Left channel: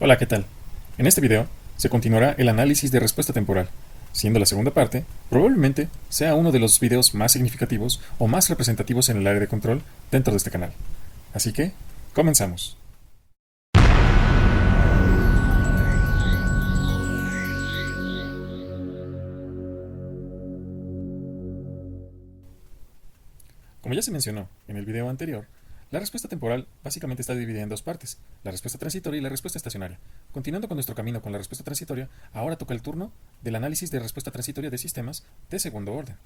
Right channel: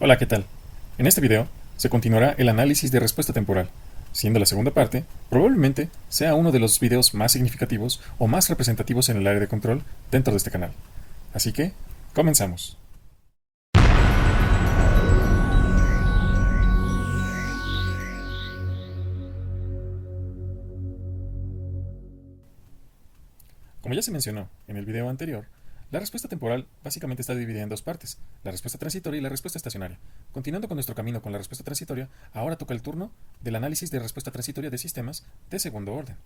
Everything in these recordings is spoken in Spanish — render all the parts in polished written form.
Hola, ¿qué tal? En este video se continuará el análisis de respuesta temporal, siendo la segunda parte probablemente sea uno de los videos más significativos o más representativos en el área de control dentro de este canal. Así que, comenzamos. Como ya se mencionó en el video anterior, la respuesta temporal básicamente está dividida en dos partes, la respuesta transitoria y la respuesta estacionaria. Continuando con nuestro camino con la respuesta transitoria, ahora toca el turno del análisis de respuesta transitoria de sistemas de segundo orden.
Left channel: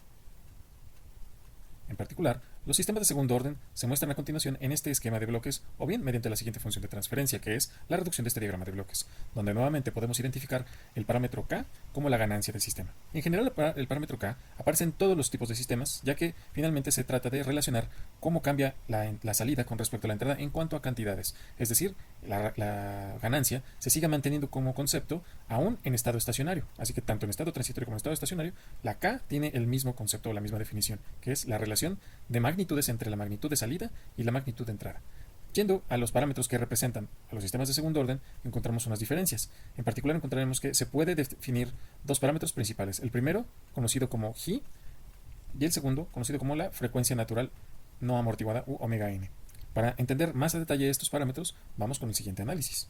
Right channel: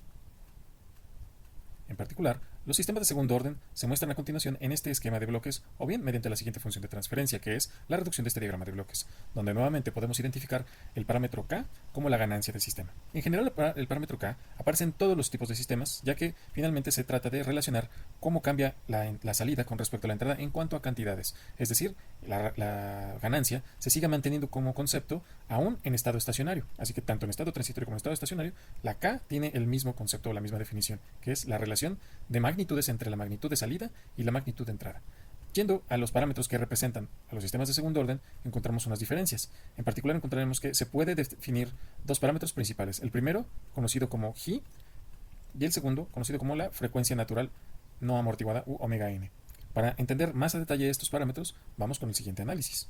En particular, los sistemas de segundo orden se muestran a continuación en este esquema de bloques o bien mediante la siguiente función de transferencia, que es la reducción de este diagrama de bloques, donde nuevamente podemos identificar el parámetro K como la ganancia del sistema. En general, el parámetro K aparece en todos los tipos de sistemas, ya que finalmente se trata de relacionar cómo cambia la salida con respecto a la entrada en cuanto a cantidades. Es decir, la ganancia se sigue manteniendo como concepto aún en estado estacionario. Así que tanto en estado transitorio como en estado estacionario, la K tiene el mismo concepto o la misma definición, que es la relación de magnitudes entre la magnitud de salida y la magnitud de entrada. Yendo a los parámetros que representan a los sistemas de segundo orden, encontramos unas diferencias. En particular, encontraremos que se puede definir dos parámetros principales. El primero, conocido como G, y el segundo, conocido como la frecuencia natural no amortiguada u omega n. Para entender más a detalle estos parámetros, vamos con el siguiente análisis.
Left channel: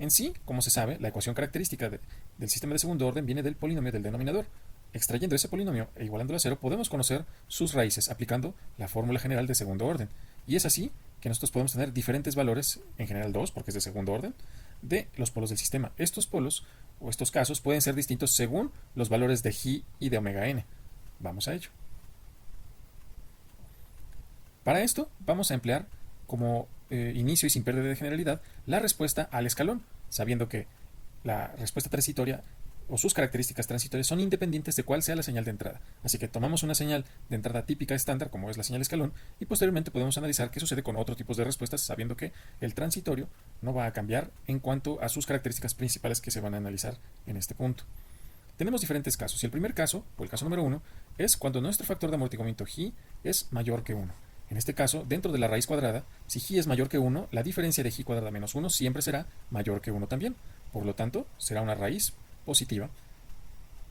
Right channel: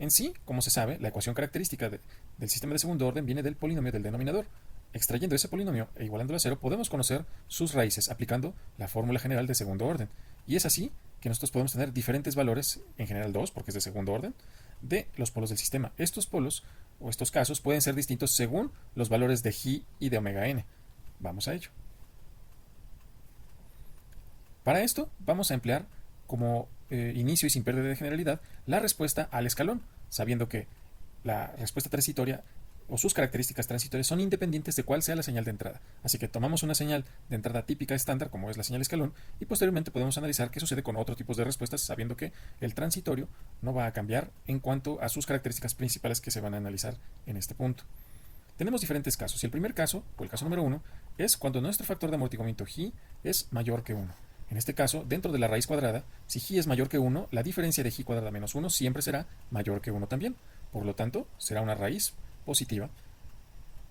En sí, como se sabe, la ecuación característica del sistema de segundo orden viene del polinomio del denominador. Extrayendo ese polinomio e igualándolo a cero, podemos conocer sus raíces aplicando la fórmula general de segundo orden. Y es así que nosotros podemos tener diferentes valores, en general 2, porque es de segundo orden, de los polos del sistema. Estos polos o estos casos pueden ser distintos según los valores de G y de omega n. Vamos a ello. Para esto vamos a emplear como inicio y sin pérdida de generalidad la respuesta al escalón, sabiendo que la respuesta transitoria o sus características transitorias son independientes de cuál sea la señal de entrada. Así que tomamos una señal de entrada típica estándar, como es la señal escalón, y posteriormente podemos analizar qué sucede con otros tipos de respuestas, sabiendo que el transitorio no va a cambiar en cuanto a sus características principales que se van a analizar en este punto. Tenemos diferentes casos, y el primer caso, o el caso número 1, es cuando nuestro factor de amortiguamiento G es mayor que 1. En este caso, dentro de la raíz cuadrada, si G es mayor que 1, la diferencia de G cuadrada menos 1 siempre será mayor que 1 también. Por lo tanto, será una raíz positiva.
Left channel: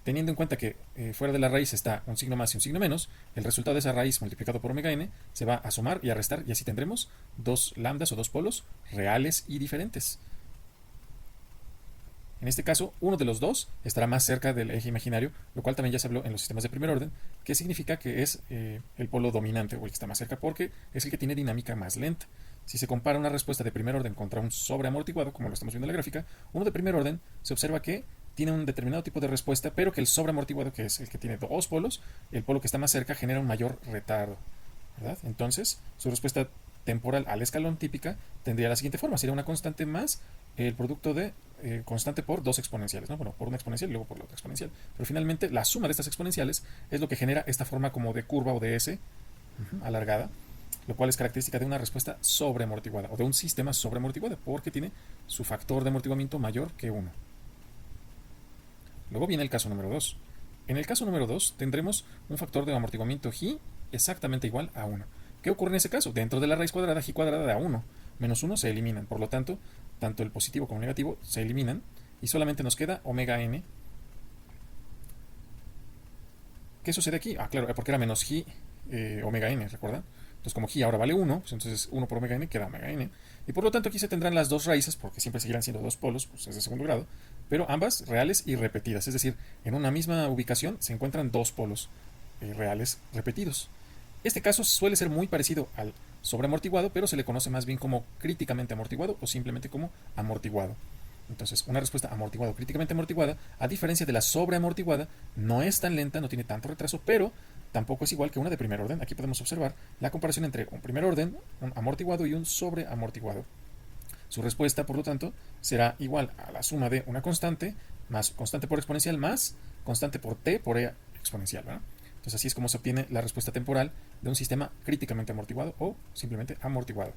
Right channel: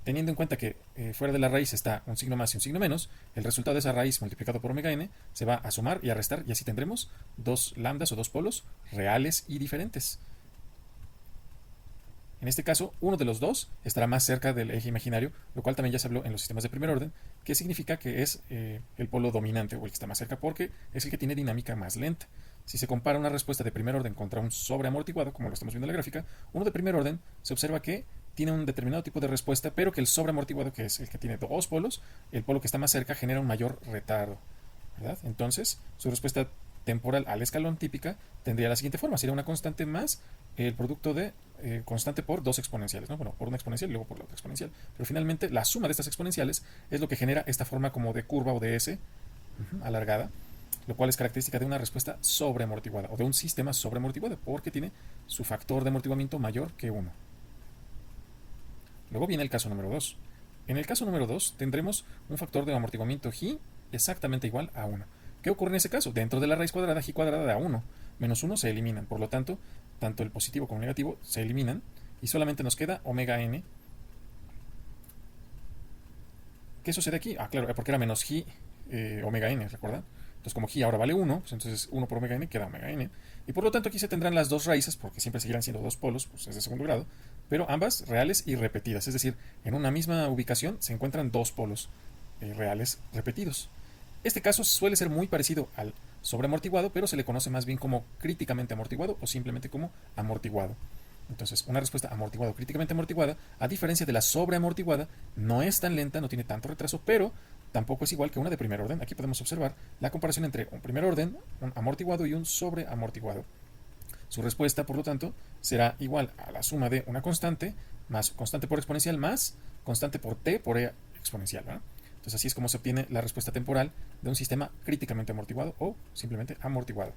Teniendo en cuenta que fuera de la raíz está un signo más y un signo menos, el resultado de esa raíz multiplicado por omega n se va a sumar y a restar, y así tendremos dos lambdas o dos polos reales y diferentes. En este caso, uno de los dos estará más cerca del eje imaginario, lo cual también ya se habló en los sistemas de primer orden, que significa que es el polo dominante o el que está más cerca porque es el que tiene dinámica más lenta. Si se compara una respuesta de primer orden contra un sobreamortiguado, como lo estamos viendo en la gráfica, uno de primer orden se observa que tiene un determinado tipo de respuesta, pero que el sobreamortiguado, que es el que tiene dos polos, el polo que está más cerca genera un mayor retardo, ¿verdad? Entonces, su respuesta temporal al escalón típica tendría la siguiente forma: sería una constante más el producto de constante por dos exponenciales, ¿no? Bueno, por una exponencial y luego por la otra exponencial. Pero finalmente la suma de estas exponenciales es lo que genera esta forma como de curva o de S alargada, lo cual es característica de una respuesta sobreamortiguada o de un sistema sobreamortiguado porque tiene su factor de amortiguamiento mayor que 1. Luego viene el caso número 2. En el caso número 2 tendremos un factor de amortiguamiento G exactamente igual a 1. ¿Qué ocurre en ese caso? Dentro de la raíz cuadrada, G cuadrada da 1. Menos 1 se eliminan. Por lo tanto, tanto el positivo como el negativo se eliminan y solamente nos queda omega n. ¿Qué sucede aquí? Ah, claro, porque era menos G omega n, ¿recuerdan? Entonces, como G ahora vale 1, pues entonces 1 por omega n queda omega n. Y por lo tanto, aquí se tendrán las dos raíces, porque siempre seguirán siendo dos polos, pues es de segundo grado, pero ambas reales y repetidas. Es decir, en una misma ubicación se encuentran dos polos reales repetidos. Este caso suele ser muy parecido al sobreamortiguado, pero se le conoce más bien como críticamente amortiguado o simplemente como amortiguado. Entonces, una respuesta amortiguada o críticamente amortiguada, a diferencia de la sobreamortiguada, no es tan lenta, no tiene tanto retraso, pero tampoco es igual que una de primer orden. Aquí podemos observar la comparación entre un primer orden, un amortiguado y un sobreamortiguado. Su respuesta, por lo tanto, será igual a la suma de una constante más constante por exponencial más constante por t por e exponencial, ¿verdad? Entonces así es como se obtiene la respuesta temporal de un sistema críticamente amortiguado o simplemente amortiguado.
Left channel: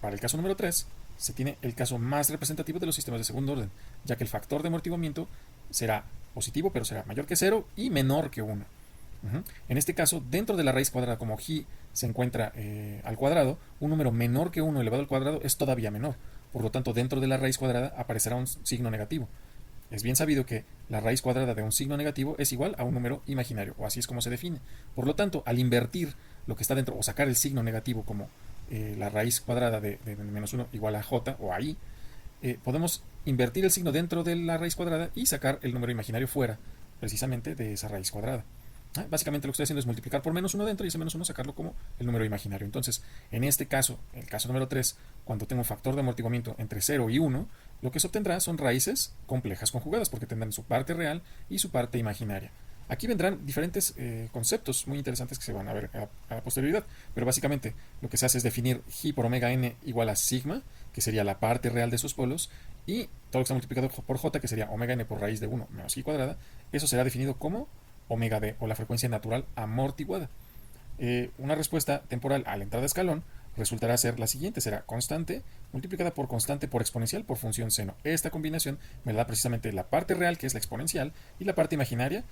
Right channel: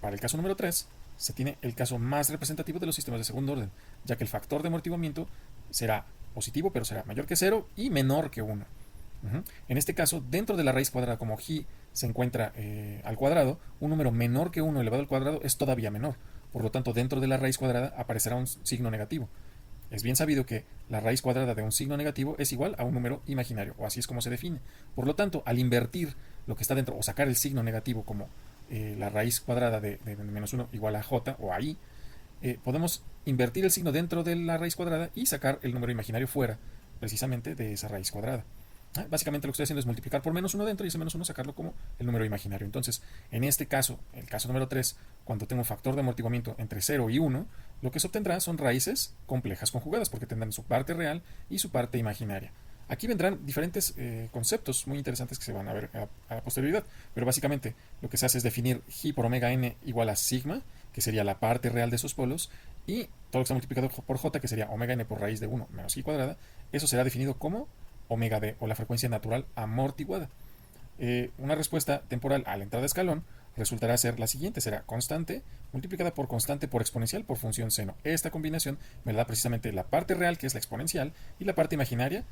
Para el caso número 3, se tiene el caso más representativo de los sistemas de segundo orden, ya que el factor de amortiguamiento será positivo, pero será mayor que 0 y menor que 1. Ujú. En este caso, dentro de la raíz cuadrada, como ji se encuentra al cuadrado, un número menor que 1 elevado al cuadrado es todavía menor. Por lo tanto, dentro de la raíz cuadrada aparecerá un signo negativo. Es bien sabido que la raíz cuadrada de un signo negativo es igual a un número imaginario, o así es como se define. Por lo tanto, al invertir lo que está dentro, o sacar el signo negativo como la raíz cuadrada de menos 1 igual a j o a i, podemos invertir el signo dentro de la raíz cuadrada y sacar el número imaginario fuera, precisamente de esa raíz cuadrada. Básicamente lo que estoy haciendo es multiplicar por menos 1 dentro y ese menos 1 sacarlo como el número imaginario. Entonces, en este caso, en el caso número 3, cuando tengo un factor de amortiguamiento entre 0 y 1, lo que se obtendrá son raíces complejas conjugadas porque tendrán su parte real y su parte imaginaria. Aquí vendrán diferentes conceptos muy interesantes que se van a ver a la posterioridad, pero básicamente lo que se hace es definir ji por omega n igual a sigma, que sería la parte real de sus polos, y todo lo que está multiplicado por j, que sería omega n por raíz de 1 menos ji cuadrada, eso será definido como omega d, o la frecuencia natural amortiguada. Una respuesta temporal a la entrada de escalón resultará ser la siguiente, será constante multiplicada por constante por exponencial por función seno. Esta combinación me da precisamente la parte real, que es la exponencial, y la parte imaginaria,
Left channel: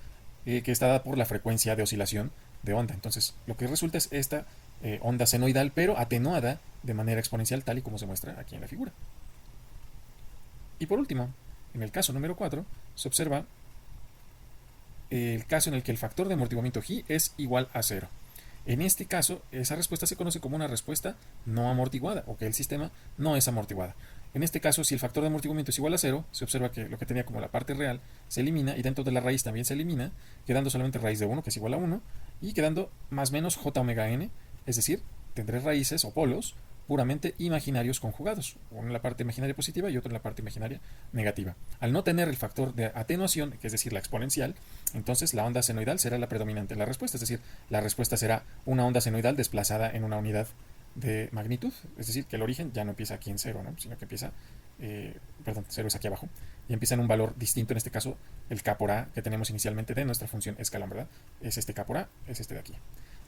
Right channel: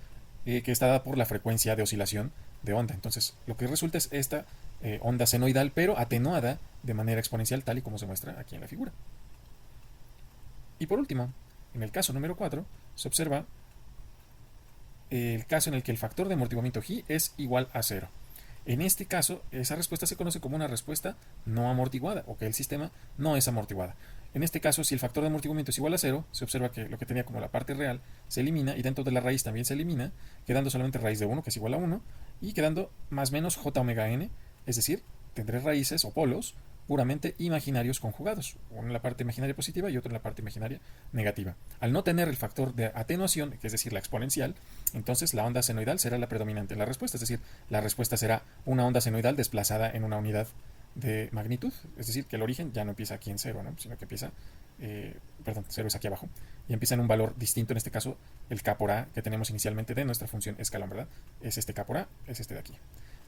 que está dada por la frecuencia de oscilación de onda. Entonces, lo que resulta es esta onda senoidal, pero atenuada de manera exponencial, tal y como se muestra aquí en la figura. Y por último, en el caso número 4, se observa el caso en el que el factor de amortiguamiento ji es igual a 0. En este caso, esa respuesta se conoce como una respuesta no amortiguada, o que el sistema no es amortiguada. En este caso, si el factor de amortiguamiento es igual a 0, se observa que lo que tenía como la parte real se elimina, y dentro de la raíz también se elimina, quedando solamente raíz de 1, que es igual a 1, y quedando más o menos j omega n, es decir, tendré raíces o polos puramente imaginarios conjugados, uno en la parte imaginaria positiva y otro en la parte imaginaria negativa. Al no tener el factor de atenuación, que es decir, la exponencial, entonces la onda senoidal será la predominante en la respuesta, es decir, la respuesta será una onda senoidal desplazada en una unidad de magnitud, es decir, que el origen ya no empieza aquí en 0, ¿no? Sino que empieza, 0 es aquí abajo, y empieza en un valor distinto, en este caso el k por a que tenemos inicialmente de nuestra función escalón, ¿verdad? Es este k por a, es este de aquí.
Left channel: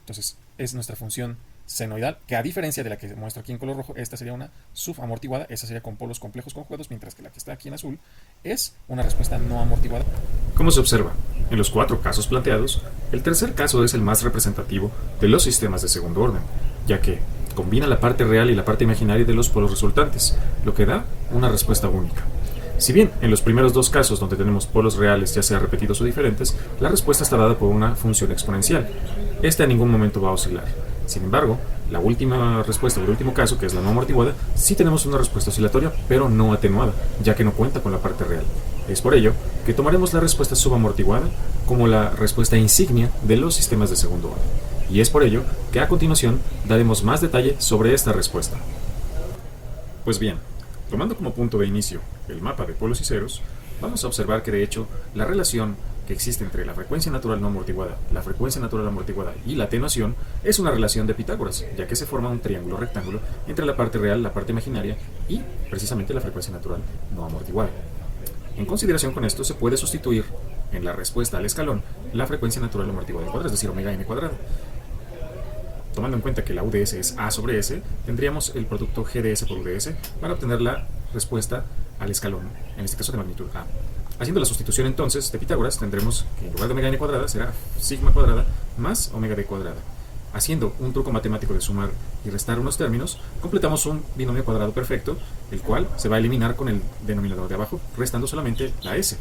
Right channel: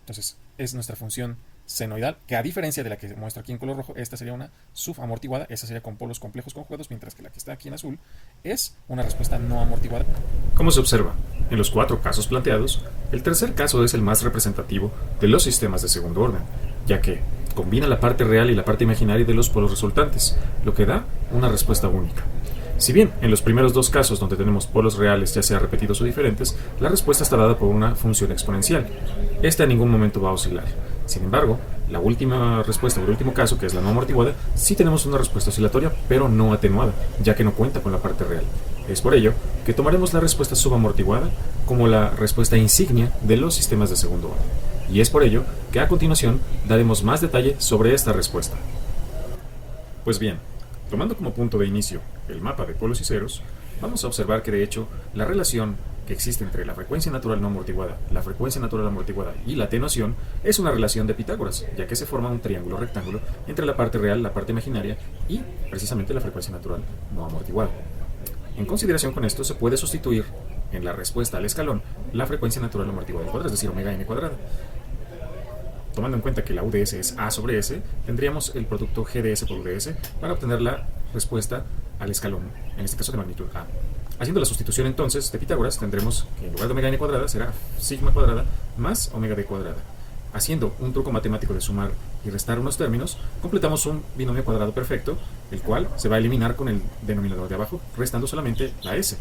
Entonces, es nuestra función senoidal, que a diferencia de la que muestro aquí en color rojo, esta sería una subamortiguada, esta sería con polos complejos conjugados, mientras que la que está aquí en azul es una respuesta no amortiguada. Como se observa en los 4 casos planteados, el tercer caso es el más representativo de los sistemas de segundo orden, ya que combina la parte real y la parte imaginaria de los polos resultantes, lo que da una respuesta única. Si bien en los primeros 2 casos donde tenemos polos reales ya sea repetidos o diferentes, la respuesta está dada por una función exponencial. Esta en ningún momento va a oscilar. Sin embargo, la última respuesta del último caso, que es la no amortiguada, sí tenemos una respuesta oscilatoria, pero no atenuada, ya que no cuenta con la parte real. Es por ello que tomaremos la respuesta subamortiguada como la respuesta insignia de los sistemas de segundo orden. Y es por ello que a continuación daremos más detalle sobre esta respuesta. Pues bien, tomando como punto de inicio el mapa de polos y ceros, vamos a observar que de hecho la relación que existe entre la frecuencia natural no amortiguada, la frecuencia natural amortiguada y la atenuación es una relación de Pitágoras, ya que se forma un triángulo rectángulo entre la parte real, la parte imaginaria y precisamente la frecuencia natural no amortiguada. En consideración con esto se puede sustituir en la respuesta al escalón la frecuencia natural amortiguada cuadrada, es decir, omega n cuadrada. Tomando en cuenta que la UDS es A sobre S, tendríamos el producto GDS por UDS para obtener la respuesta al escalón, en este caso de magnitud A. Haciendo la sustitución entonces de Pitágoras, tendremos que en lugar de omega n cuadrada será sigma cuadrada más omega d cuadrada. Haciendo un truco matemático de sumar y restar unos términos, completamos un binomio cuadrado perfecto, el cual se va a eliminar con el denominador de abajo, restando solamente la S.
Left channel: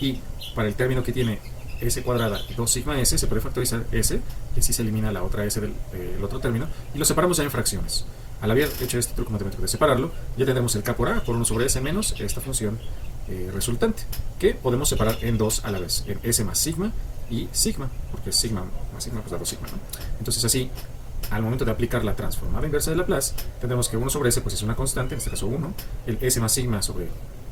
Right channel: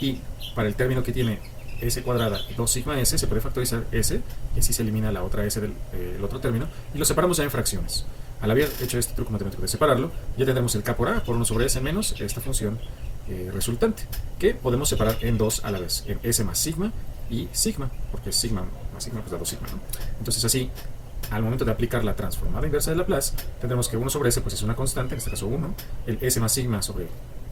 Y para el término que tiene S cuadrada y 2 sigma S, se puede factorizar S, y así se elimina la otra S del otro término, y lo separamos ya en fracciones. Al haber hecho este truco matemático de separarlo, ya tendremos el k por a por 1 sobre S menos esta función resultante, que podemos separar en 2 a la vez, en S más sigma y sigma, porque sigma más sigma pues da 2 sigma, ¿no? Entonces así, al momento de aplicar la transformada inversa de Laplace, tendremos que 1 sobre S pues es una constante, en este caso 1, el S más sigma sobre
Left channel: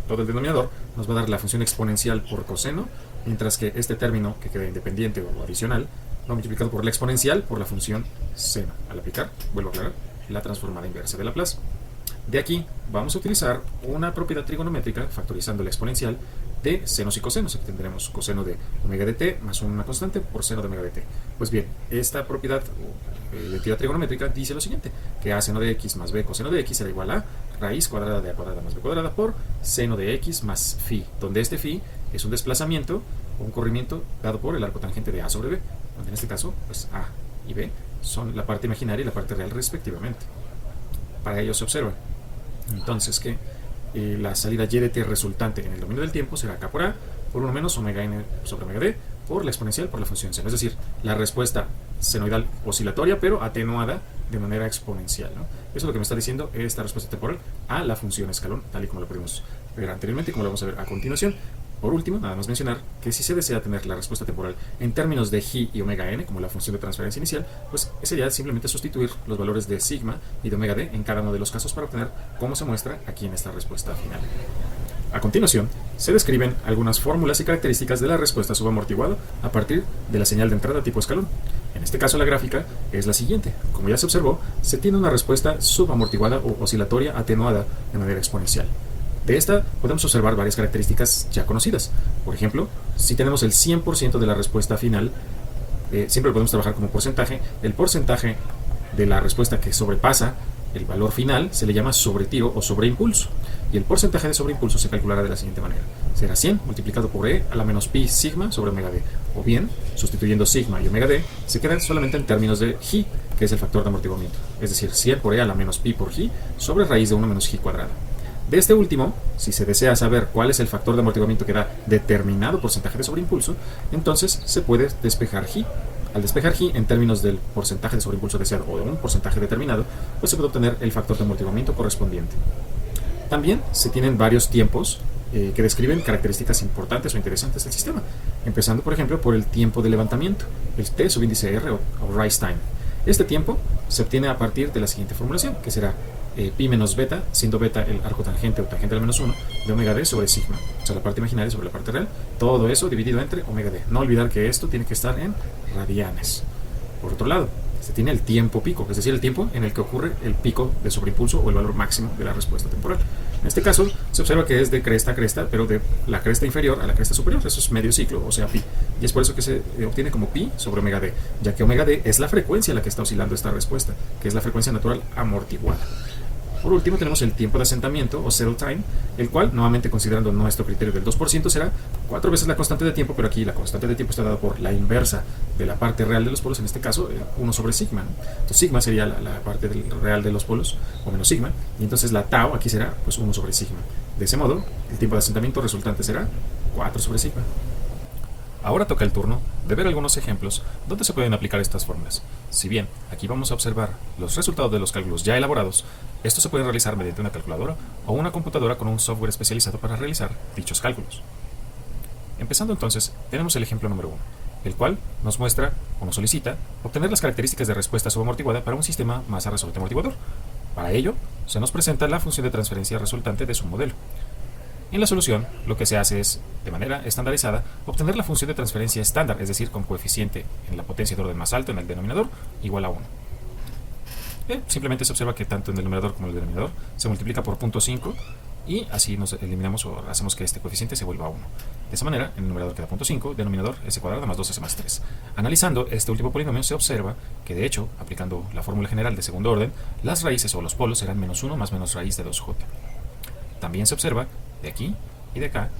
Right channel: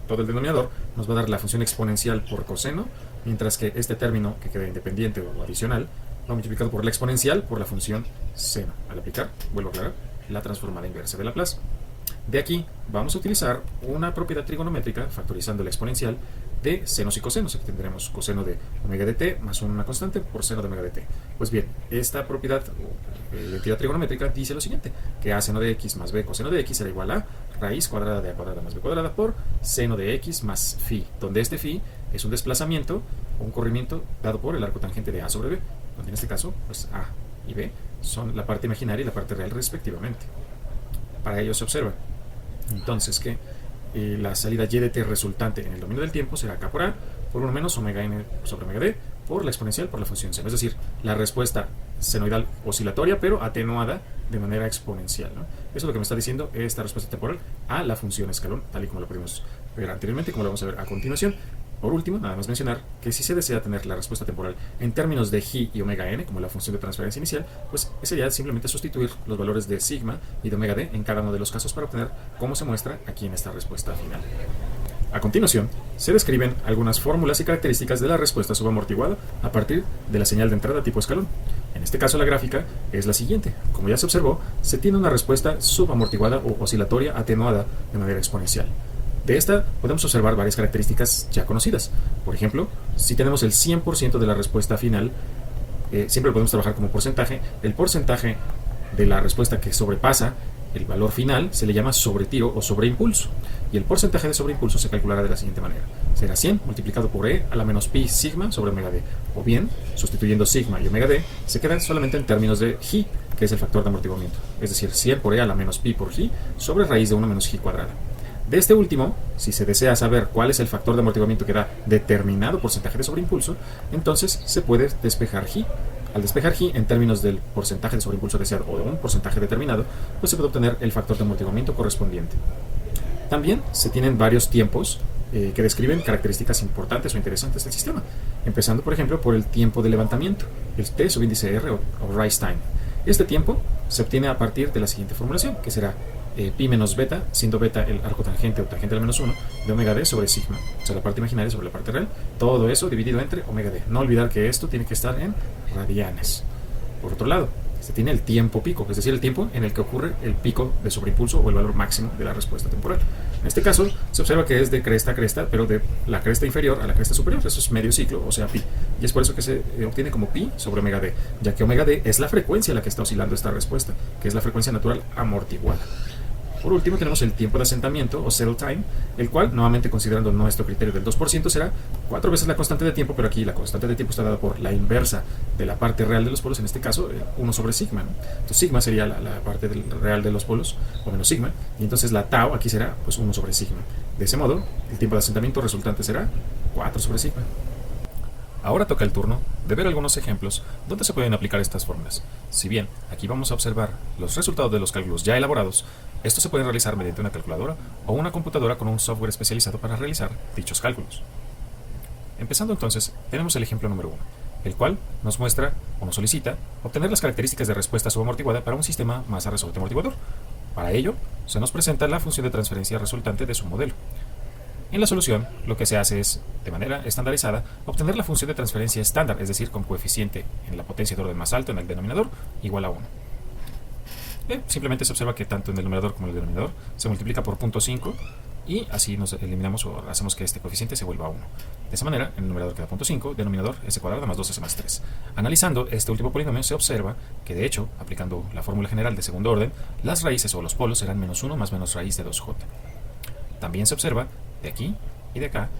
todo el denominador nos va a dar la función exponencial por coseno, mientras que este término que queda independiente o adicional va multiplicado por la exponencial por la función seno. Al aplicar, vuelvo a ganar la transformada inversa de Laplace. De aquí vamos a utilizar una propiedad trigonométrica factorizando la exponencial de senos y cosenos. Aquí tendremos coseno de omega de t más una constante por seno de omega de t. Pues bien, esta propiedad trigonométrica dice lo siguiente, que a seno de x más b coseno de x será igual a raíz cuadrada de a cuadrada más b cuadrada por seno de x más phi, donde este phi es un desplazamiento o un corrimiento dado por el arco tangente de a sobre b. donde en este caso, pues A y B son la parte imaginaria y la parte real respectivamente. Para ello se observa entonces que la salida y de t resultante en el dominio del tiempo será k por a por 1 menos omega n sobre omega d por la exponencial por la función seno. Es decir, la respuesta senoidal oscilatoria, pero atenuada de manera exponencial, ¿no? Eso es lo que nos está diciendo en esta respuesta temporal a la función escalón, tal y como lo pudimos ver anteriormente y como lo vamos a ver a continuación. Por último, nada más mencionar que si se desea tener la respuesta temporal en términos de g y omega n, como la función de transferencia inicial, pues sería simplemente sustituir los valores de sigma y de omega d en cada uno de los casos para obtener cómo se muestra aquí en esta respuesta final. A continuación, se describen algunas fórmulas y características de la respuesta subamortiguada a partir de la señal de entrada tipo escalón. En este caso, la gráfica es la siguiente. Como ya se observó, se tiene una respuesta subamortiguada o oscilatoria atenuada de manera exponencial. De esta podemos observar varias características ya conocidas. Por ejemplo, si tenemos el 100% de la respuesta final, siempre podemos trabajar como porcentaje. El porcentaje de la respuesta que sobrepasa el valor final se le llama sobretiro o sobreimpulso. Y el porcentaje de sobreimpulso se calculará de la siguiente manera. Será 100 multiplicado por e a la menos pi sigma sobre omega d. O bien, sustituyendo sigma y omega d, se quedan solamente en términos de g, que es el factor de amortiguamiento. Es decir, 100 por e a la menos pi por g sobre raíz de 1 menos g cuadrada. De este último, si se desea saber cuál es el factor de amortiguamiento que da determinado porcentaje de sobreimpulso, entonces se puede despejar g. Al despejar g en términos del porcentaje de sobreimpulso deseado o en un porcentaje determinado, pues se puede obtener el factor de amortiguamiento correspondiente. También se tienen varios tiempos que describen características importantes o interesantes del sistema, empezando por ejemplo por el tiempo de levantamiento, el t subíndice r o rise time. Este tiempo se obtiene a partir de la siguiente formulación, que será pi menos beta, siendo beta el arco tangente o tangente al menos 1, de omega d sobre sigma, o sea, la parte imaginaria sobre la parte real, todo eso dividido entre omega d. No olvidar que esto tiene que estar en radianes. Por otro lado, se tiene el tiempo pico, es decir, el tiempo en el que ocurre el pico de sobreimpulso o el valor máximo de la respuesta temporal. En este caso, se observa que es de cresta a cresta, pero de la cresta inferior a la cresta superior. Eso es medio ciclo, o sea, pi. Y es por eso que se obtiene como pi sobre omega d, ya que omega d es la frecuencia en la que está oscilando esta respuesta, que es la frecuencia natural amortiguada. Por último, tenemos el tiempo de asentamiento, o settle time, el cual, nuevamente considerando nuestro criterio del 2%, será 4 veces la constante de tiempo, pero aquí la constante de tiempo está dada por la inversa de la parte real de los polos, en este caso, 1 sobre sigma. Entonces, sigma sería la parte real de los polos, o menos sigma, y entonces la tau aquí será pues, 1 sobre sigma. De ese modo, el tiempo de asentamiento resultante será 4 sobre sigma. Ahora toca el turno de ver algunos ejemplos donde se pueden aplicar estas fórmulas. Si bien aquí vamos a observar los resultados de los cálculos ya elaborados, esto se puede realizar mediante una calculadora o una computadora con un software especializado para realizar dichos cálculos. Empezando entonces, tenemos el ejemplo número 1, el cual nos muestra o nos solicita obtener las características de respuesta subamortiguada para un sistema masa resultante amortiguador. Para ello, se nos presenta la función de transferencia resultante de su modelo. En la solución, lo que se hace es, de manera estandarizada, obtener la función de transferencia estándar, es decir, con coeficiente en la potencia de orden más alto en el denominador, igual a 1. Simplemente se observa que tanto en el numerador como en el denominador se multiplica por 0.5 y así nos eliminamos o hacemos que este coeficiente se vuelva a 1. De esa manera, en el numerador queda 0.5, denominador s cuadrado más 2s más 3. Analizando este último polinomio, se observa que, de hecho, aplicando la fórmula general de segundo orden, las raíces o los polos serán menos 1 más menos raíz de 2j. También se observa de aquí y de acá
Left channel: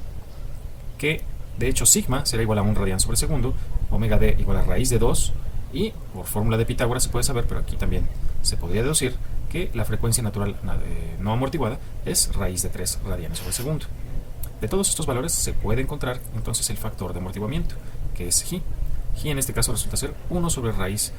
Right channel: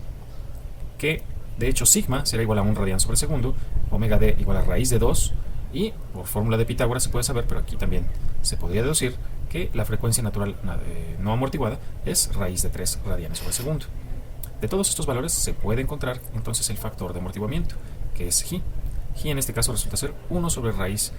que de hecho sigma será igual a 1 radian sobre segundo, omega d igual a raíz de 2 y por fórmula de Pitágoras se puede saber, pero aquí también se podría deducir que la frecuencia natural no amortiguada es raíz de 3 radianes sobre segundo. De todos estos valores se puede encontrar entonces el factor de amortiguamiento, que es g. G en este caso resulta ser 1 sobre raíz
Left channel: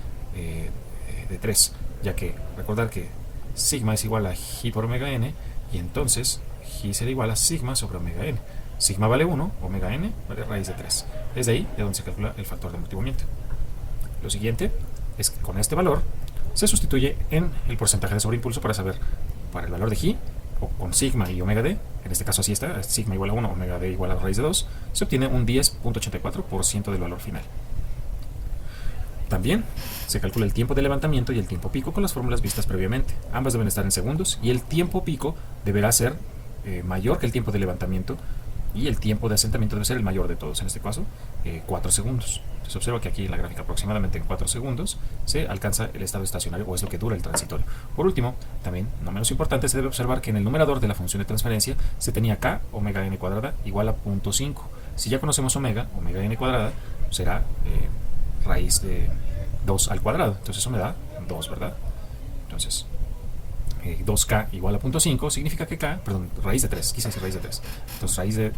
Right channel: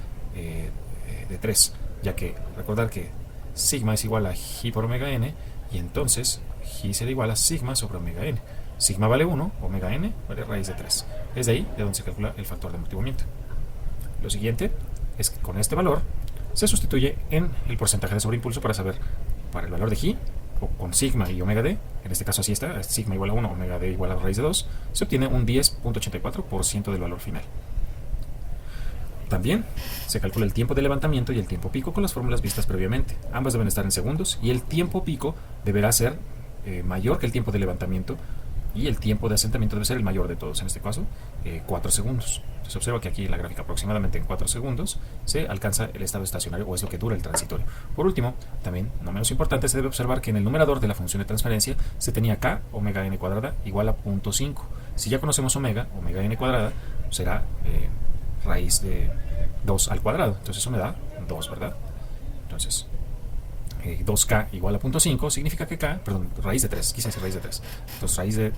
de 3, ya que recordar que sigma es igual a g por omega n y entonces g será igual a sigma sobre omega n. Sigma vale 1, omega n vale raíz de 3. Es de ahí de donde se calcula el factor de amortiguamiento. Lo siguiente es que con este valor se sustituye en el porcentaje de sobreimpulso para saber para el valor de g, o con sigma y omega d, en este caso sí está, sigma igual a 1, omega d igual a raíz de 2, se obtiene un 10.84% del valor final. También se calcula el tiempo de levantamiento y el tiempo pico con las fórmulas vistas previamente. Ambas deben estar en segundos y el tiempo pico deberá ser mayor que el tiempo de levantamiento y el tiempo de asentamiento debe ser el mayor de todos, en este caso 4 segundos. Se observa que aquí en la gráfica aproximadamente en 4 segundos se alcanza el estado estacionario o es lo que dura el transitorio. Por último, también no menos importante, se debe observar que en el numerador de la función de transferencia se tenía k omega n cuadrada igual a 0.5. Si ya conocemos omega n cuadrada será raíz de 2 al cuadrado. Entonces eso me da 2, ¿verdad? Entonces 2k igual a 0.5 significa que k, perdón, raíz de 3, quise decir raíz de 3. Entonces raíz de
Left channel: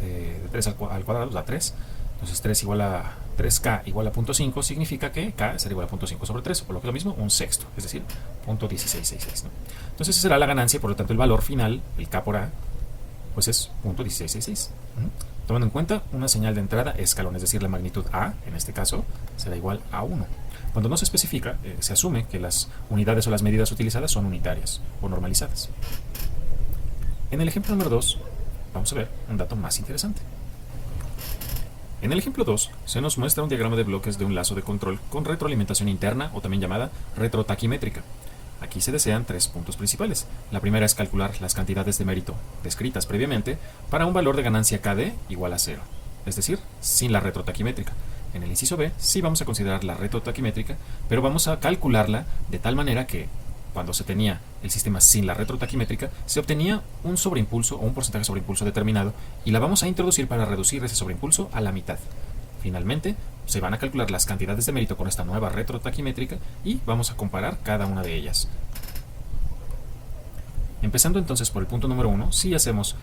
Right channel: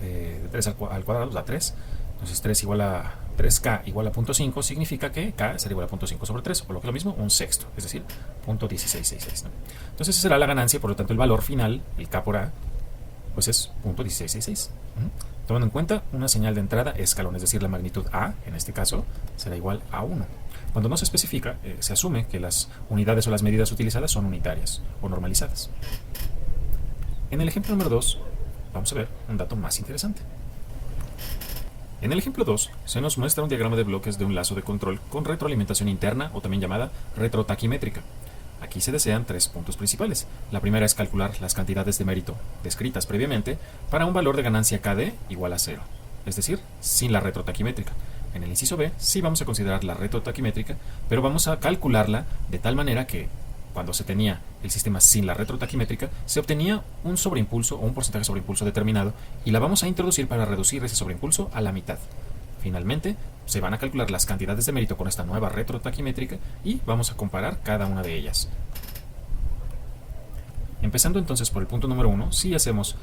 3 al cuadrado da 3. Entonces 3 igual a 3k igual a 0.5 significa que k será igual a 0.5 sobre 3, por lo que es lo mismo, un sexto, es decir, 0.1666, ¿no? Entonces esa será la ganancia y por lo tanto el valor final, el k por a, pues es 0.1666. Tomando en cuenta una señal de entrada escalón, es decir, la magnitud a, en este caso, será igual a 1. Cuando no se especifica, se asume que las unidades o las medidas utilizadas son unitarias o normalizadas. En el ejemplo número 2, vamos a ver un dato más interesante. En el ejemplo 2, se nos muestra un diagrama de bloques de un lazo de control con retroalimentación interna o también llamada retrotaquimétrica. Aquí se desean 3 puntos principales. La primera es calcular las cantidades de mérito descritas previamente para un valor de ganancia KD igual a 0, es decir, sin la retrotaquimétrica. En el inciso B sí vamos a considerar la retrotaquimétrica, pero vamos a calcularla de tal manera que cuando se tenía el sistema sin la retrotaquimétrica, se obtenía un sobreimpulso o un porcentaje de sobreimpulso determinado y la vamos a introducir para reducir ese sobreimpulso a la mitad. Finalmente, se van a calcular las cantidades de mérito con esta nueva retrotaquimétrica y vamos a comparar cada una de ellas. Empezando entonces por el punto número 1, si hacemos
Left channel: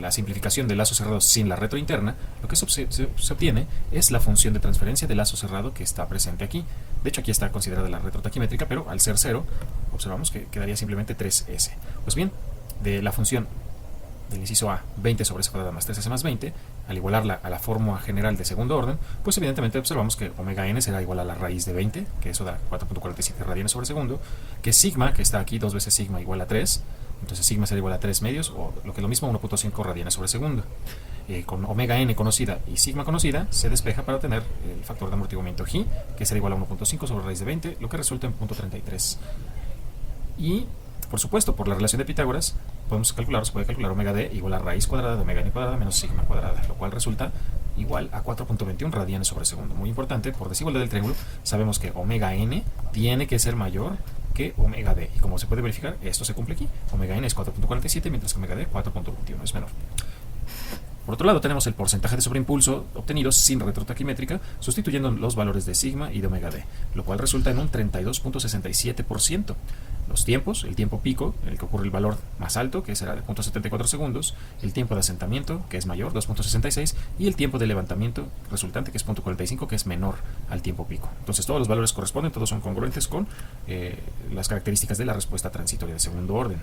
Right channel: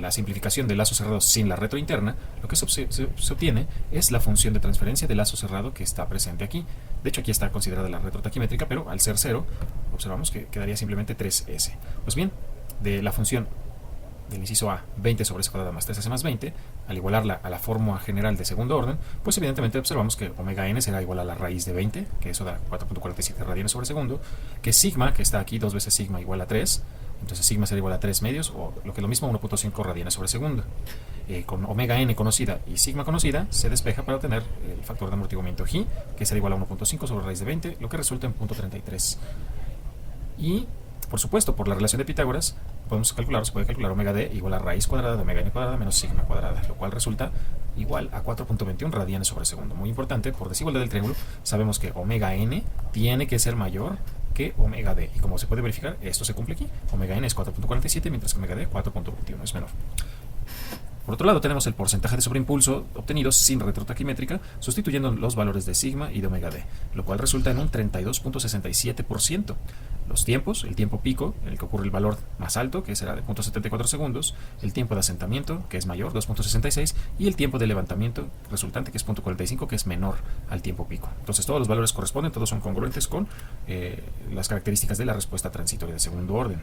la simplificación del lazo cerrado sin la retro interna, lo que se obtiene es la función de transferencia del lazo cerrado que está presente aquí. De hecho, aquí está considerada la retrotaquimétrica, pero al ser 0, observamos que quedaría simplemente 3s. Pues bien, de la función del inciso A, 20 sobre s cuadrado más 3s más 20, al igualarla a la fórmula general de segundo orden, pues evidentemente observamos que omega n será igual a la raíz de 20, que eso da 4.47 radianes sobre segundo, que sigma, que está aquí 2 veces sigma igual a 3, entonces sigma será igual a 3 medios, o lo que es lo mismo, 1.5 radianes sobre segundo. Con omega n conocida y sigma conocida, se despeja para obtener el factor de amortiguamiento G, que será igual a 1.5 sobre raíz de 20, lo que resulta en 0.33. Y, por supuesto, por la relación de Pitágoras, se puede calcular omega d igual a raíz cuadrada de omega n cuadrada menos sigma cuadrada, lo cual resulta igual a 4.21 radianes sobre segundo. Muy importante, por desigualdad del triángulo, sabemos que omega n tiene que ser mayor que omega d. Y como se puede verificar, esto se cumple aquí. Omega n es 4.47, mientras que omega d 4.21 es menor. Por otro lado, tenemos el porcentaje de sobreimpulso obtenido sin retrotaquimétrica, sustituyendo los valores de sigma y de omega d, lo cual resulta en un 32.67%. Los tiempos, el tiempo pico, en el que ocurre el valor más alto, que será de 0.74 segundos, el tiempo de asentamiento, que es mayor, 2.66, y el tiempo de levantamiento resultante, que es 0.45, que es menor al tiempo pico. Entonces todos los valores corresponden, todos son congruentes con las características de la respuesta transitoria de segundo orden.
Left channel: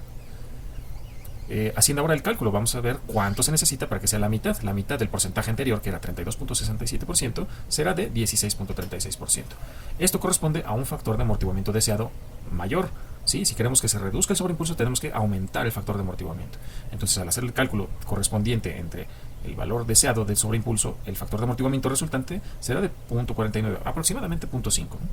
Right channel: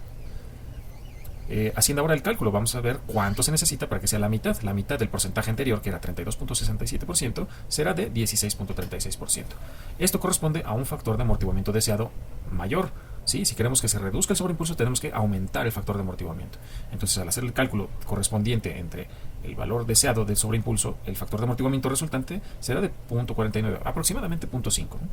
Haciendo ahora el cálculo, vamos a ver cuánto se necesita para que sea la mitad. La mitad del porcentaje anterior, que era 32.67%, será de 16.36%. Esto corresponde a un factor de amortiguamiento deseado mayor. ¿Sí? Si queremos que se reduzca el sobreimpulso, tenemos que aumentar el factor de amortiguamiento. Entonces, al hacer el cálculo correspondiente entre el valor deseado del sobreimpulso, el factor de amortiguamiento resultante será de 0.49, aproximadamente 0.5, ¿no?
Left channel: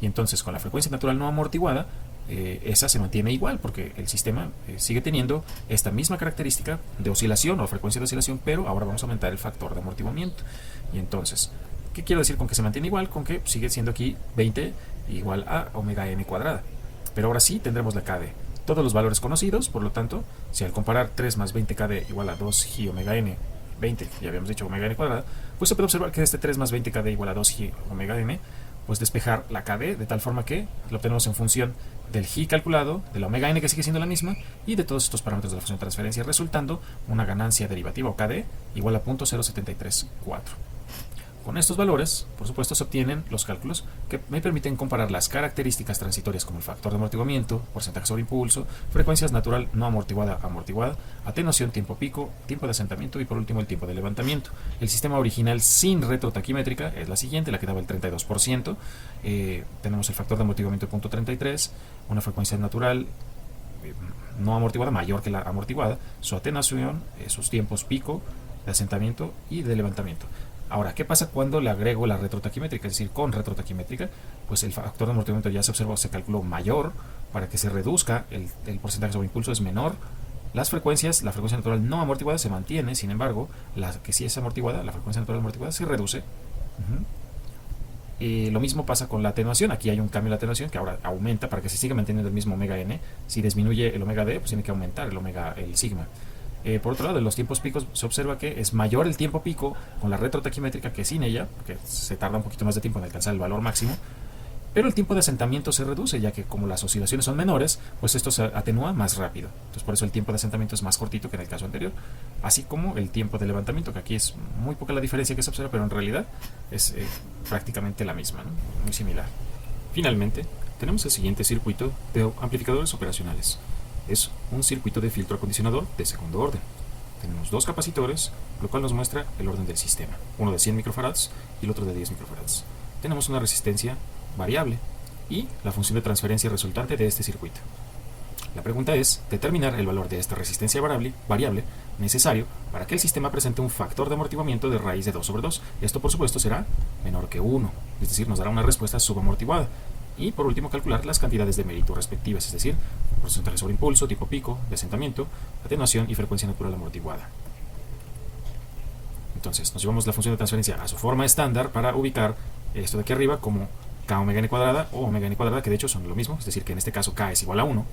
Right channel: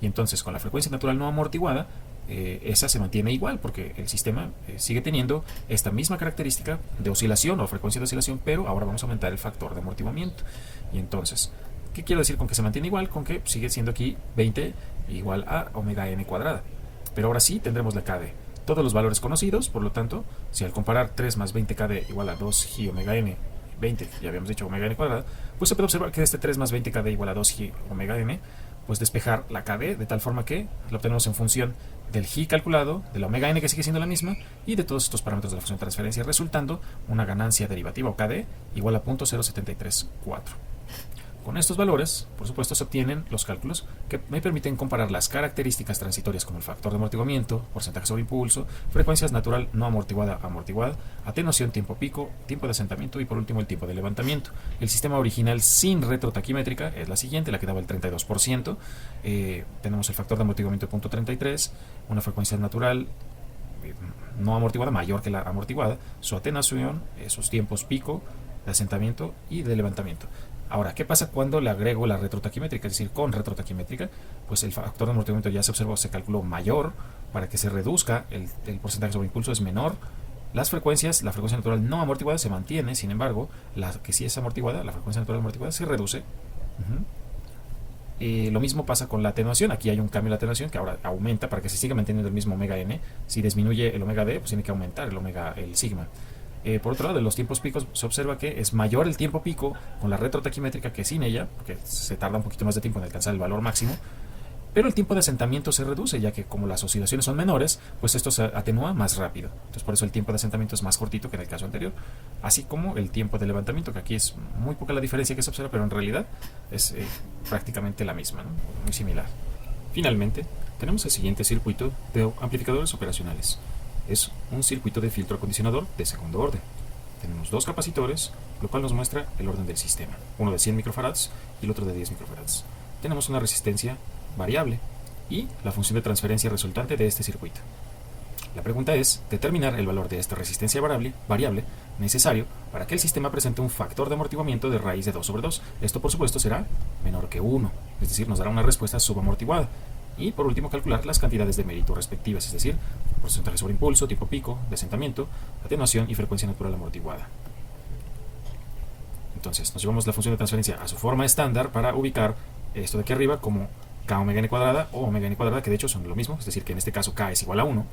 Y entonces, con la frecuencia natural no amortiguada, esa se mantiene igual porque el sistema sigue teniendo esta misma característica de oscilación o frecuencia de oscilación, pero ahora vamos a aumentar el factor de amortiguamiento. Y entonces, ¿qué quiero decir con que se mantiene igual? Con que sigue siendo aquí 20 igual a omega n cuadrada. Pero ahora sí tendremos la KD. Todos los valores conocidos, por lo tanto, si al comparar 3 más 20 KD igual a 2G omega n, 20, ya habíamos dicho omega n cuadrada, pues se puede observar que este 3 más 20 KD igual a 2G omega n, pues despejar la KD de tal forma que lo obtenemos en función del G calculado, del omega n que sigue siendo la misma, y de todos estos parámetros de la función de transferencia, resultando una ganancia derivativa o KD igual a 0.0734. Con estos valores, por supuesto, se obtienen los cálculos que me permiten comparar las características transitorias como el factor de amortiguamiento, porcentaje sobre impulso, frecuencias natural no amortiguada, atenuación, tiempo pico, tiempo de asentamiento y por último el tiempo de levantamiento. El sistema original sin retrotaquimétrica es la siguiente, la que daba el 32%. Tenemos el factor de amortiguamiento de 0.33, una frecuencia natural no amortiguada mayor que la amortiguada, su atenuación, sus tiempos pico de asentamiento y de levantamiento. Ahora, ¿qué pasa cuando le agrego la retrotaquimétrica? Es decir, con retrotaquimétrica, pues el factor de amortiguamiento ya se observó, se calculó mayor, para que se reduzca el porcentaje sobre impulso es menor. Las frecuencias, la frecuencia natural no amortiguada se mantiene, sin embargo, la que sí es amortiguada, la frecuencia natural amortiguada se reduce. Y lo mismo pasa con la atenuación. Aquí hay un cambio en la atenuación que ahora aumenta para que se siga manteniendo el mismo omega n. Si disminuye el omega d, pues tiene que aumentar el sigma. Por otro lado, de los tiempos picos se observa que es mayor el tiempo pico con la retrotaquimétrica que sin ella, que se tarda un poquito más de tiempo en alcanzar el valor máximo, pero el tiempo de asentamiento se reduce, ya que como las oscilaciones son menores, pues esto se atenúa más rápido. Entonces por eso el tiempo de asentamiento es más cortito que en el caso anterior, así como el tiempo de levantamiento, que aquí es muy poca la diferencia que se observa, pero en realidad es prácticamente la misma, ¿no? Muy similar. Finalmente, tenemos el siguiente circuito de amplificadores operacionales. Es un circuito de filtro acondicionador de segundo orden. Tenemos dos capacitores, lo cual nos muestra el orden del sistema, uno de 100 microfarads y el otro de 10 microfarads. Tenemos una resistencia variable y la función de transferencia resultante de este circuito. La pregunta es determinar el valor de esta resistencia variable necesario para que el sistema presente un factor de amortiguamiento de raíz de 2 sobre 2. Esto por supuesto será menor que 1, es decir, nos dará una respuesta subamortiguada. Y por último calcular las cantidades de mérito respectivas, es decir, porcentaje sobre impulso, tiempo pico, de asentamiento, atenuación y frecuencia natural amortiguada. Entonces nos llevamos la función de transferencia a su forma estándar para ubicar esto de aquí arriba como k omega n cuadrada o omega n cuadrada, que de hecho son lo mismo, es decir, que en este caso k es igual a 1,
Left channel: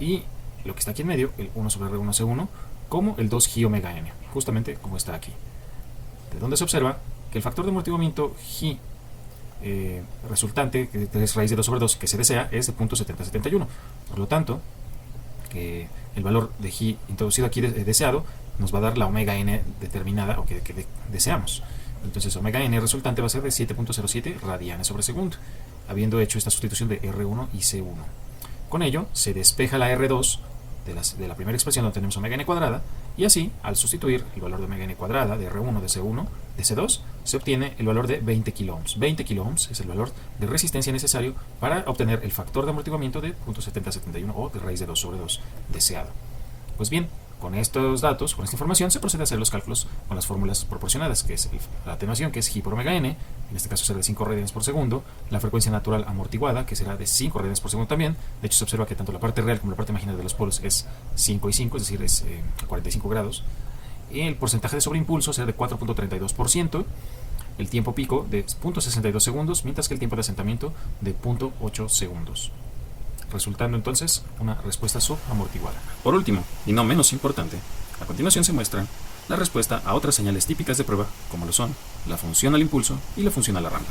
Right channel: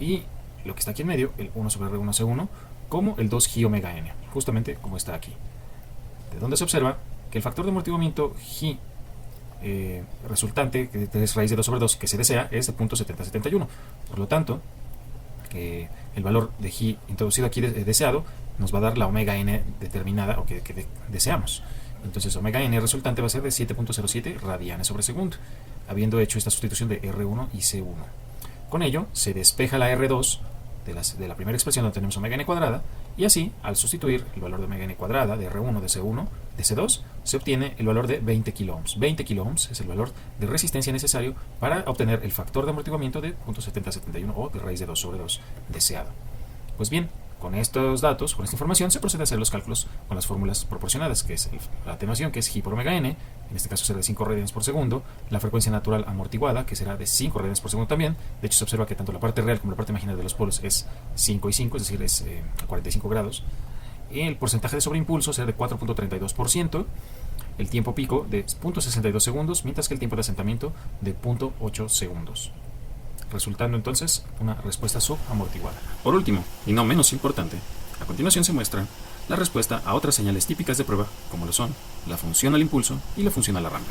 y lo que está aquí en medio, el 1 sobre R1C1, como el 2G omega n, justamente como está aquí. De donde se observa que el factor de amortiguamiento G resultante, que es raíz de 2 sobre 2, que se desea, es de 0.7071. Por lo tanto, el valor de G introducido aquí deseado nos va a dar la omega n determinada o que deseamos. Entonces omega n resultante va a ser de 7.07 radianes sobre segundo, habiendo hecho esta sustitución de R1 y C1. Con ello se despeja la R2 de la primera expresión donde tenemos omega n cuadrada, y así, al sustituir el valor de omega n cuadrada, de R1, de C1, de C2, se obtiene el valor de 20 kiloohms. 20 kiloohms es el valor de resistencia necesario para obtener el factor de amortiguamiento de 0.7071 o de raíz de 2 sobre 2 deseado. Pues bien, con estos datos, con esta información, se procede a hacer los cálculos con las fórmulas proporcionadas, que es la atenuación, que es G por omega n, en este caso será de 5 radianes por segundo, la frecuencia natural amortiguada, que será de 5 radianes por segundo también. De hecho, se observa que tanto la parte real como la parte imaginaria de los polos es 5 y 5, es decir, es 45 grados. Y el porcentaje de sobreimpulso será de 4.32%, el tiempo pico de 0.62 segundos, mientras que el tiempo de asentamiento de 0.8 segundos. Resultando entonces una respuesta subamortiguada. Por último, y no menos importante, a continuación se muestra la respuesta a otras señales típicas de prueba, como lo son la función al impulso y la función a la rampa.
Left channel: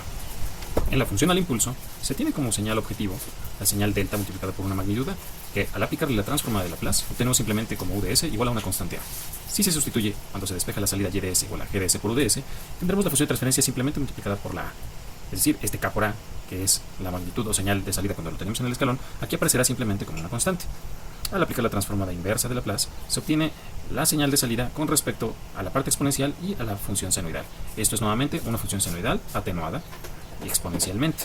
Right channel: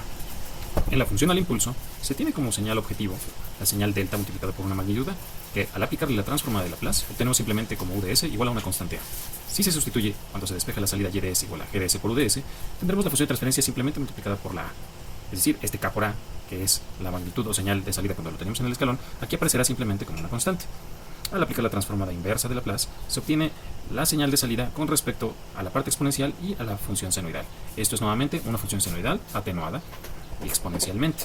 En la función al impulso se tiene como señal objetivo la señal delta multiplicada por una magnitud, que al aplicarle la transformada de Laplace obtenemos simplemente como UDS igual a una constante A. Si se sustituye cuando se despeja la salida YDS igual a GDS por UDS, tendremos la función de transferencia simplemente multiplicada por la A. Es decir, este K por A, que es la magnitud o señal de salida cuando lo tenemos en el escalón, aquí aparecerá simplemente como una constante. Al aplicar la transformada inversa de Laplace, se obtiene la señal de salida con respecto a la parte exponencial y a la función senoidal. Esto es nuevamente una función senoidal atenuada exponencialmente.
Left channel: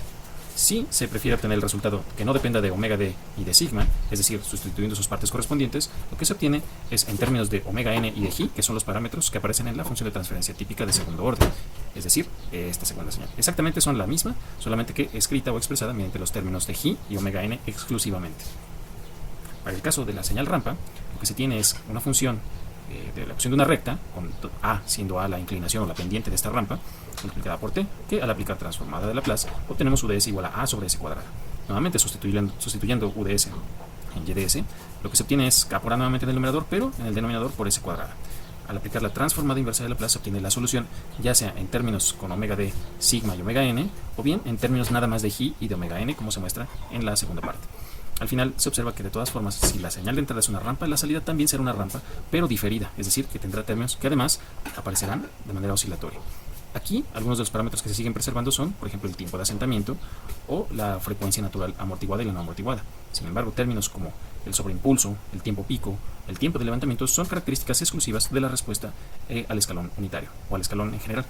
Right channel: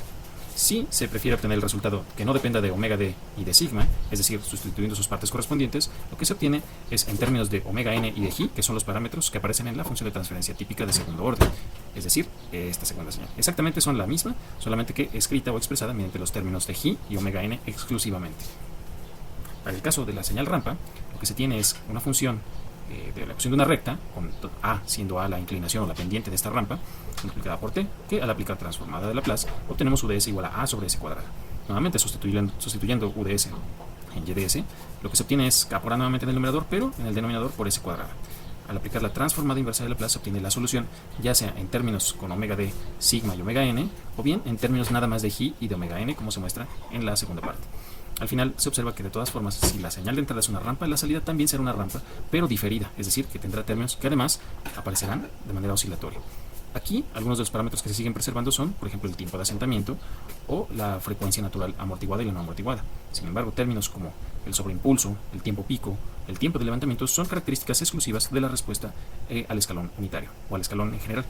Si se prefiere obtener el resultado que no dependa de omega d y de sigma, es decir, sustituyendo sus partes correspondientes, lo que se obtiene es en términos de omega n y de g, que son los parámetros que aparecen en la función de transferencia típica de segundo orden, es decir, esta segunda señal. Exactamente son la misma, solamente que escrita o expresada mediante los términos de g y omega n exclusivamente. Para el caso de la señal rampa, lo que se tiene es una función de la función de una recta, con a siendo a la inclinación o la pendiente de esta rampa, multiplicada por t, que al aplicar transformada de Laplace obtenemos UDS igual a sobre s cuadrado. Nuevamente sustituyendo UDS en YDS, lo que se obtiene es k por a nuevamente en el numerador, pero en el denominador por s cuadrado. Al aplicar la transformada inversa de Laplace se obtiene la solución, ya sea en términos con omega d, sigma y omega n, o bien en términos nada más de g y de omega n, como se muestra en la segunda parte. Al final se observa que de todas formas, si la señal de entrada es una rampa, la salida también será una rampa, pero diferida, es decir, que tendrá términos que además aparecerán de manera oscilatoria. Aquí, algunos de los parámetros que se siguen preservando son, por ejemplo, el tiempo de asentamiento o la frecuencia natural amortiguada y la no amortiguada. Sin embargo, términos como el sobreimpulso, el tiempo pico, el tiempo de levantamiento son características exclusivas de la respuesta al escalón unitario o al escalón en general.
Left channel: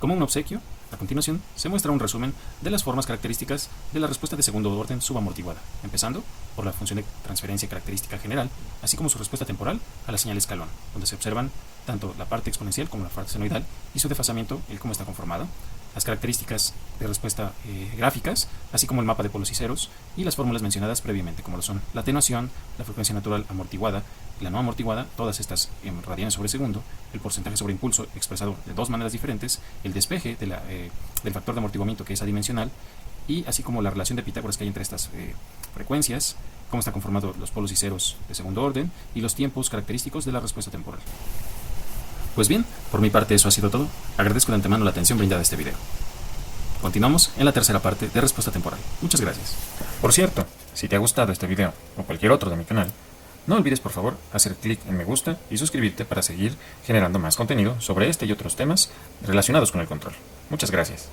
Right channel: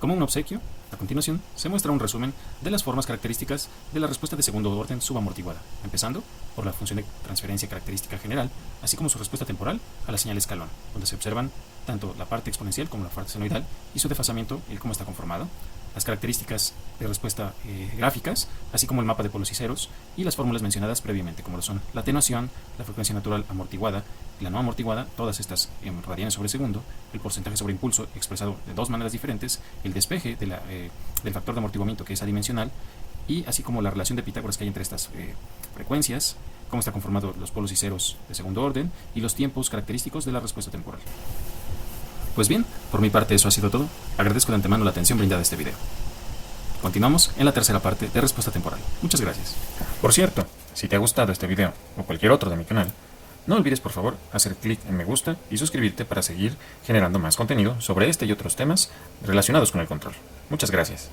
Como un obsequio, a continuación se muestra un resumen de las formas características de la respuesta de segundo orden subamortiguada, empezando por la función de transferencia característica general, así como su respuesta temporal a la señal escalón, donde se observan tanto la parte exponencial como la parte senoidal y su desfasamiento, el cómo está conformado, las características de respuesta gráficas, así como el mapa de polos y ceros, y las fórmulas mencionadas previamente, como son la atenuación, la frecuencia natural amortiguada, la no amortiguada, todas estas en radianes sobre segundo, el porcentaje sobre impulso expresado de dos maneras diferentes, el despeje del factor de amortiguamiento que es adimensional, y así como la relación de Pitágoras que hay entre estas frecuencias, cómo está conformado los polos y ceros de segundo orden y los tiempos característicos de la respuesta temporal. Pues bien, por mi parte eso ha sido todo. Agradezco de antemano la atención brindada a este video. Continuamos en la tercera parte de respuesta temporal. Muchas gracias. Por cierto, si te ha gustado este video o cualquier otro de mi canal, no olvides por favor hacer clic en me gusta y suscribirte para seguir generando más contenido sobre este y otros temas relacionados con el control. Muchas gracias.